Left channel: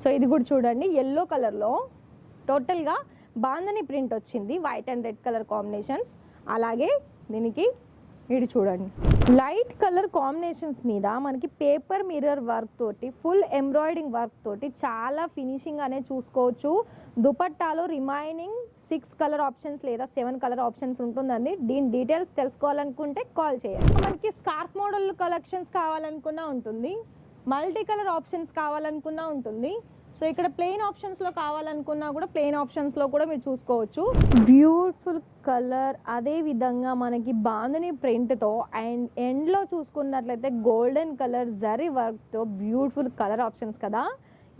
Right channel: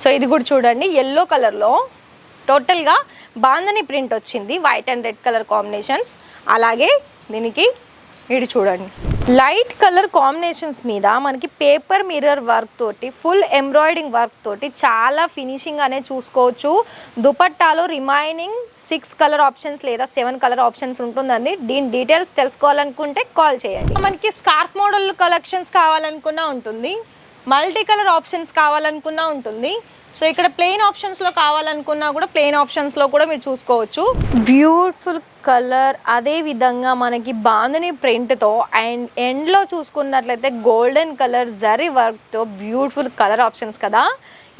So ఇది కూడా చూడండి yellow కలర్లో టోటల్గా బాందని ప్రింట్ వచ్చింది, white and red colour combinations. అలాగే దీనికి ఇది చూడండి లైట్ కలర్ కాంబినేషన్స్ మీద మనకి పేపర్ మిర్రర్ వర్క్ తోటి ఫుల్ ఎంబ్రాయిడింగ్ వర్క్ తోటి చాలా ఫినిషింగ్ అనేది చూసుకోవచ్చు. దుపట్టాలో రిమైనింగ్ 6 కలర్ ఆప్షన్స్ లేదా 7 కలర్ ఆప్షన్స్ ఉంటుందండి. దీని డీటెయిల్స్ తెలుసుకోవాలనుకుంటే కాల్ చేయండి. మనకి స్కార్ఫ్ మోడల్ కలెక్షన్స్ కావాలనుకున్నా ఉంటుంది, మల్టీ కలర్ ఆప్షన్స్ కావాలనుకున్నా ఉంటుంది. సో ఇక్కడ ప్లెయిన్ ఆప్షన్స్లో కావాలనుకున్నా కూడా ప్లెయిన్ ఆప్షన్స్లో కూడా మీరు చూసుకోవచ్చు. బ్యూటిఫుల్ కలర్, అదే విధంగా మనకి బాందని ప్రింట్తో అండ్ ఎండ్లో చూసుకున్నట్లయితే గోల్డెన్ కలర్ జరీ వర్క్తో బ్యూటిఫుల్ కలర్ ఆప్షన్స్ కదా.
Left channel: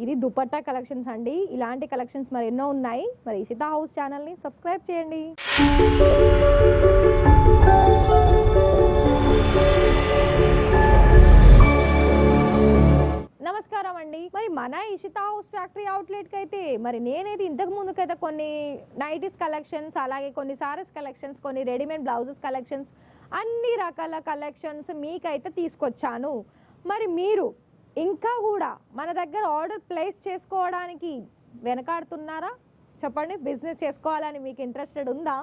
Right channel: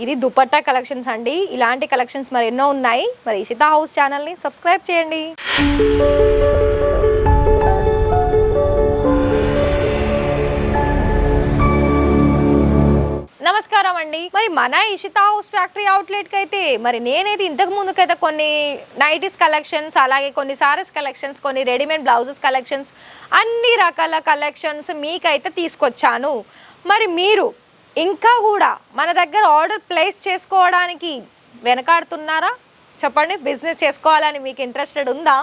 ఇది దుపట్టా కలెక్షన్స్ అండి. ఇలాంటి కలెక్షన్స్ మరి ఎన్నో ఉన్నాయి. మరి ఇషితా హౌస్ ఛానల్ని సబ్స్క్రైబ్ చేయండి. నమస్కారం అండి. మరి మన ఇషితా హౌస్ ఫ్యాక్టరీ అవుట్లెట్కి అయితే మరి నేనైతే ఇంతకు ముందుకైతే కొన్ని నైటీస్ కలెక్షన్స్, అలాగే కొన్ని సారీస్ కలెక్షన్స్, కొన్ని రెడీమేడ్ బ్లౌజెస్ కలెక్షన్స్, అన్ని రకాల కలెక్షన్స్ మీకైతే తీసుకొచ్చాను. మరి మీరు ఇంకా కూడా మన దగ్గర ఆర్డర్ ప్లేస్ చేసుకోవడానికి వెనకాడుతున్నారా? చెప్పండి. బిజినెస్ చేసుకోవాలని మీకు ఇంట్రెస్టెడ్ ఉందా?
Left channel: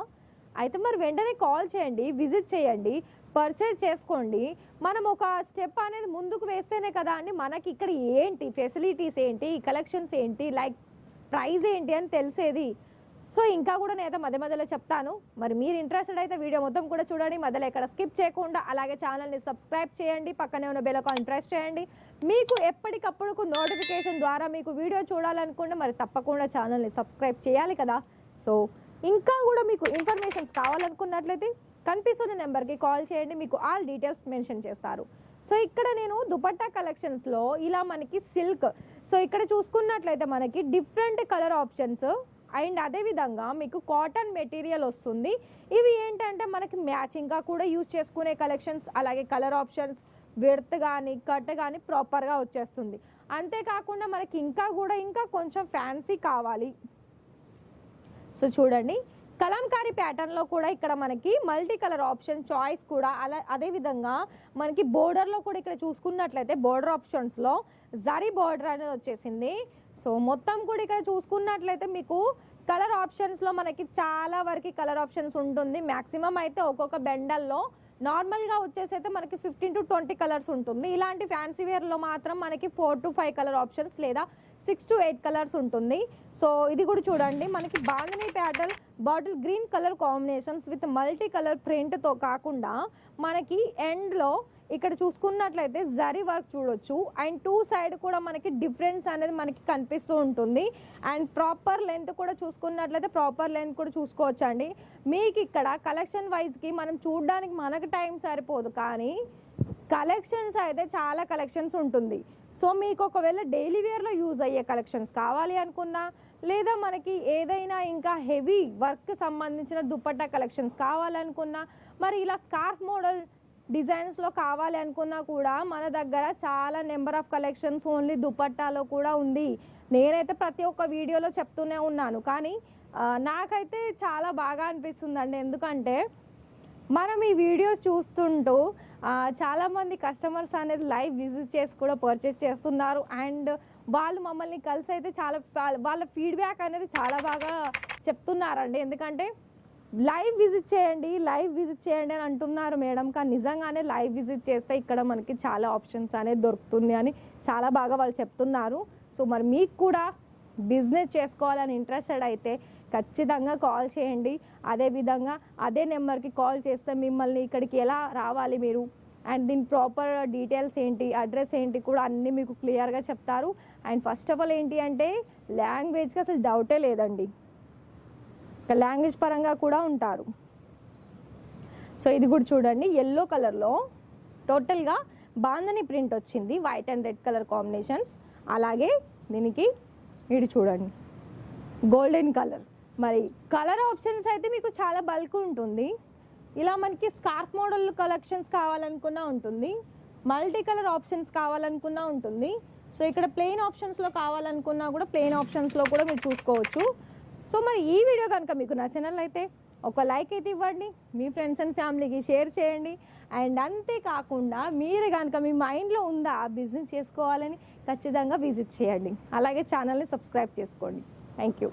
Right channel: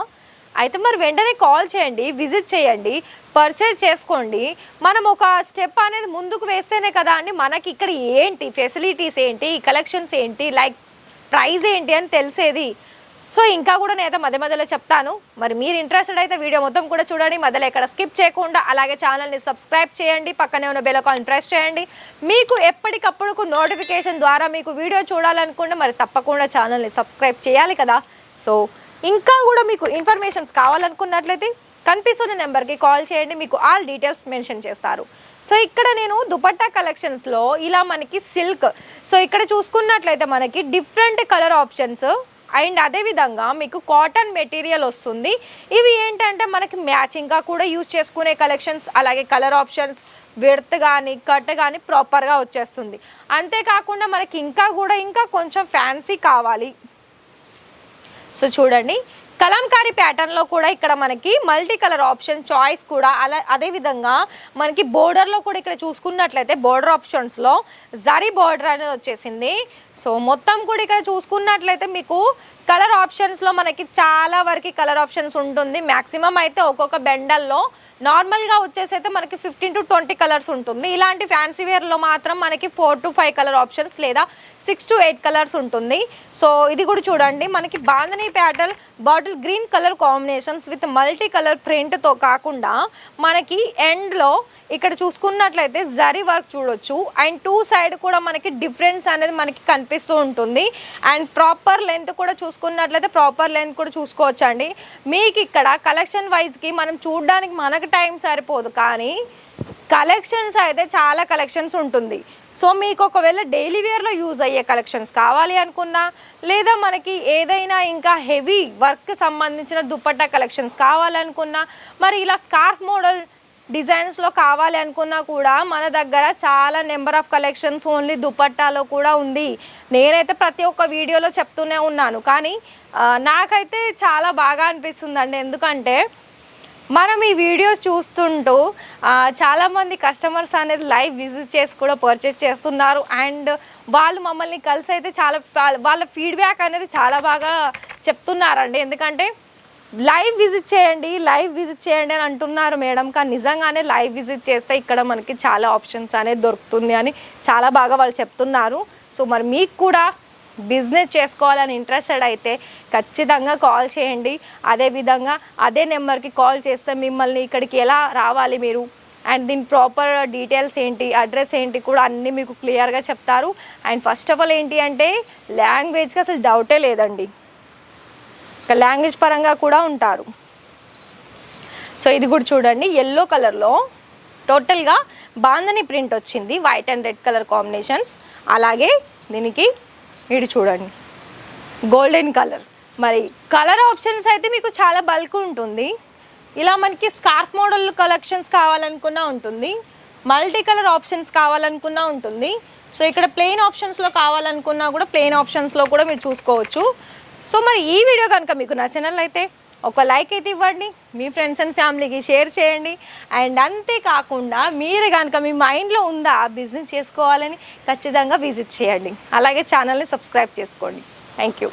అయితే మరి వెంటనే కాల్ చేయండి, విజిట్ చేయండి, పర్చేజ్ చేసుకోండి. మనం ఒక స్టెప్ అనేది ముందుకు వేస్తేనే కదా అండి మనకి ఇక్కడ ఏంటి ఫెసిలిటీస్ ఏంటి, కలెక్షన్స్ ఏంటి, లైక్ ప్రైస్ ఏంటి అని తెలిసేది. సో ఇంకా కూడా నేనైతే మధ్య మధ్యలో చెప్తాను. మరి మీరు ఇంట్రెస్టెడ్ అయితే వీడియో మొత్తం కూడా చూడండి, మధ్యలో ఎక్కడ స్కిప్ చేయకుండా. అలాగే ఛానల్ని సబ్స్క్రైబ్ చేయండి, పక్కనే ఉన్న బెల్ ఐకాన్ ప్రెస్ చేయండి. మీకు ఎప్పటికప్పుడు నోటిఫికేషన్ ద్వారా మీకు వీడియో చూడాలనుకుంటే మరి తప్పకుండా ఛానల్ని సబ్స్క్రైబ్ చేయాలి కదా. సో ఇంకా కూడా మీకు ఇన్ఫర్మేషన్స్ కావాలనుకున్నట్లయితే కనిపిస్తున్న నెంబర్కి కాల్ చేయండి, మీకు ఆల్ డీటెయిల్స్ మెన్షన్ చేస్తారు. సో ఇక్కడ నేను దుపట్టా కలెక్షన్స్లో ఇలా మనకి సిల్క్, సో ఇక్కడ చూసుకున్నట్లయితే మనకి డిఫరెంట్ కలర్ ఆప్షన్స్ అండ్ అదేవిధంగా మీకు కాటన్ మెటీరియల్ వస్తుంది. ఇవి ఏంటంటే మనకి మ్యాచింగ్గా కూడా యూజ్ చేసుకునే కలెక్షన్స్, అలాగే కలర్ ఆప్షన్స్, విడ్త్ కానీ కట్ కానీ ప్రాపర్గా వచ్చేస్తుంది. అంతేకాకుండా మనకి ఇంకా కొంచెం ఫ్యాన్సీ కావాలి. సో చూడండి కలంకారీ ప్యాటర్న్లో కూడా ఇక్కడ మనకి మల్టీ కలర్ ఆప్షన్ చాయిస్ కూడా అదేవిధంగా మనకి బోర్డర్లో కూడా ఇక్కడ చూసుకున్నట్లయితే బోర్డర్ ఆప్షన్స్లో జరీ బోర్డర్ అనేది వచ్చేసింది. సో మొత్తం కూడా ఇక్కడ చూసుకున్నట్లయితే మీకు కలర్ ఆప్షన్స్లో మనకి చాలా వరకు కలర్ ఆప్షన్స్ ఉంటుంది. మ్యాక్సిమం అయితే ఒక్కొక్క బెండల్లో నార్మల్గా వచ్చేసి అయితే మనకి 15 to 20 కలర్స్ ఉంటుంది. ఇలాంటి ఫ్యాన్సీ వేర్లో మాత్రం మనకి 4 to 5 కలర్ ఆప్షన్స్ లేదా 6 to 8 కలర్స్ ఉంటుంది. సో ఇది కూడా చూడండి మనకి bandhani pattern bottle green colour combinations with multi colour ప్రింట్తో కాకుండా మనకి ఎండ్లో ఇక్కడ చూసుకున్నట్లయితే జరీ వర్క్ చూడొచ్చు అండ్ 2 సైడ్ కూడా మనకి డిఫరెన్స్ అనేది మనకి కనిపిస్తూ ఉంటుంది. అండ్ ప్రాపర్ లెంత్ కూడా చూసుకున్నట్లయితే ప్రాపర్ లెంత్ కూడా చూసుకోవచ్చు అండి. మీకు ఇక్కడ కలెక్షన్ వైజ్కి మనం చూడడానికి మనకు టైం సరిపోదు, కానీ కలెక్షన్స్ అయితే చాలా కలెక్షన్స్ ఉంటుంది. సో మీకు ఒకవేళ డైలీ వేర్లో యూజ్ అయ్యే కలెక్షన్స్ కావాలి అనుకున్నా, లేదా మనకి ఏదైనా ఇంకా హెవీ వర్క్ సంబంధించిన దుపట్టా కలెక్షన్స్ కావాలనుకున్నా, మరి ఇలా స్కార్ఫ్ మోడల్ డిజైన్స్లో కావాలి అనుకున్నా కూడా మన దగ్గర చాలా నెంబర్ ఆఫ్ కలెక్షన్స్ ఓన్లీ దుపట్టాలో కూడా ఉంది. నేనైతే ప్రతి ఒక్క వీడియోలో చెప్తూనే ఉన్నాను, కానీ నాకైతే చాలా బాగా అనిపిస్తుందండి. ఎందుకంటే మనం ఈ వీడియోస్ చూస్తుంటూ చాలామంది కస్టమర్స్ అనేది లైవ్ విజిట్ చేసి కూడా పర్చేస్ చేస్తున్నారు. అండ్ వాళ్ళు మమ్మల్ని కలిసి అయితే చాలా వాళ్ళ ఫీడ్బ్యాక్ అనేది చాలా బాగా చెప్తున్నారండి. ఎందుకంటే లైవ్ విజిట్ చేయండి అని అంటున్నారు మేడం, కానీ నిజంగానే లైవ్ విజిట్ చేస్తే ఇక్కడ మనకి చాలా ఆప్షన్స్ అనేది దొరుకుతుంది అని చాలా బాగా వాళ్ళు చెప్తున్నారు. సో మరి మీకు కూడా బిజినెస్ చేసుకోవాలని ఇంట్రెస్టెడ్ అయితే ఖచ్చితంగా కాల్ చేయండి. అదేవిధంగా అదే నెంబర్కి కాల్ చేస్తే మిమ్మల్ని ఇక్కడికి ఎలా రావాలి మీరు అండ్ దీని ప్రాపర్ డీటెయిల్స్ ఏంటి, అడ్రస్ ఏంటి కూడా అన్నీ మీకు క్లియర్గా చెప్తారు. అండ్ ఫస్ట్ ఆఫ్ ఆల్ ఏంటి అంటే లాంగ్వేజ్కి అసలు డౌటే లేదండి, లాంగ్వేజ్ పరంగా కూడా ఉంటారు. సో ఇది కూడా చూడండి yellow కలర్లో టోటల్గా బాందని ప్రింట్ వచ్చింది, white and red colour combinations. అలాగే దీనికి ఇది చూడండి గోల్డెన్ కలర్. మరి కలర్ ఆప్షన్స్ అయితే మీకు చాలా బల్క్ ఉంటుంది. ఇలా మనకి స్కార్ఫ్ మోడల్ కలెక్షన్స్ కావాలనుకున్నా ఉంటుంది, మల్టీ కలర్ ఆప్షన్స్ కావాలనుకున్నా ఉంటుంది. సో ఇక్కడ ప్లెయిన్ ఆప్షన్స్లో కావాలనుకున్నా కూడా ప్లెయిన్ ఆప్షన్స్లో కూడా మీరు చూసుకోవచ్చు. సో మరి ఈ వీడియో కనుక మీకు నచ్చినట్లయితే ఒక లైక్ అయితే ఇవ్వండి, మీ ఫ్రెండ్స్ అండ్ ఫ్యామిలీకి షేర్ చేయండి. అండ్ అంతేకాకుండా మీరు కనుక మీ మైండ్లో ఉందా బిజినెస్ చేసుకోవాలని, ఖచ్చితంగా విజిట్ చేయండి. అలాగే ఛానల్ని సబ్స్క్రైబ్ చేసుకోండి. Thank you.